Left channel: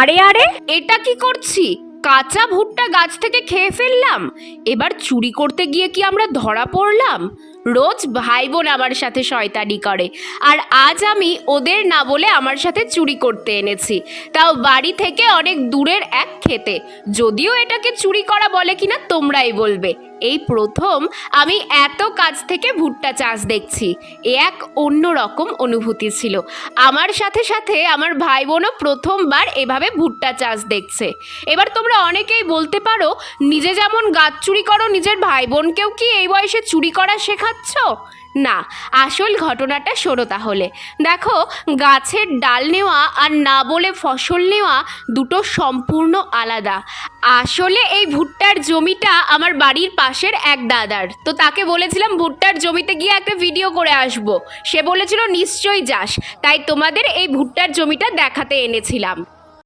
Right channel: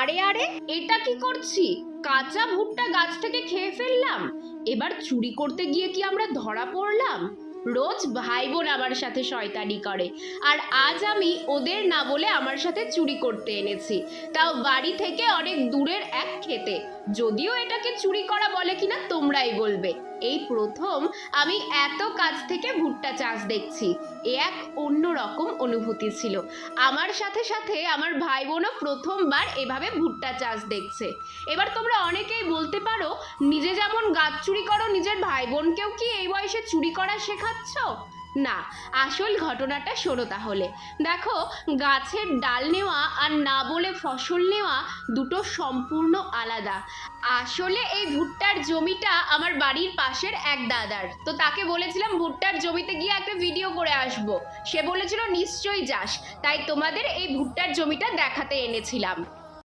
আরে আরে, এটা কি করছি? কাঁচা ভুট্টা গাছ থেকে খেয়ে ফেললাম। এবার চুরি করতে গিয়ে কি আমরা ধরা পড়লাম? রোজ ভাই বোন আমার সাথে শয়তানি করে, আর আজ আমি ওদের না বলে আমার সাথে চুরি করতে এনেছি, তাও বাড়ি থেকে অনেক দূরের এক খেতে। যদিও এটাকে চুরি করা বলে কিনা তোমরাই বলবে। এই প্রথম আমি এত কাছ থেকে ভুট্টা চাষ দেখছি। এ এক অন্য রকম অনুভূতি ছিল। আমার সাথে সাথে আমার ভাই বোনও প্রথমবার এভাবে ভুট্টা চাষ দেখছে। এবার তোমরা অনেকেই বলতে পারো, নিজে যেমন গাছ চুরি করো, নিজের ভাই বোনকেও কি এই বয়সে চুরি করা শেখাচ্ছ? না, আসল ঘটনাটা শোনো তাহলে। দেখো, গাছের ডাল নেওয়া আর না বলে ফসল নেওয়া দুটো সম্পূর্ণ আলাদা। আসলে এই ভুট্টার জমিটা আমার বাড়ির পাশের এক দাদার, তো তাকে বলেছিলাম ভুট্টার জমিতে গিয়ে একটা ভিডিও করে আসবো। সে বলেছিল নিশ্চয়ই যাস, তাই তোমাদের এই ভুট্টার জমিটা দেখাতে এনেছিলাম।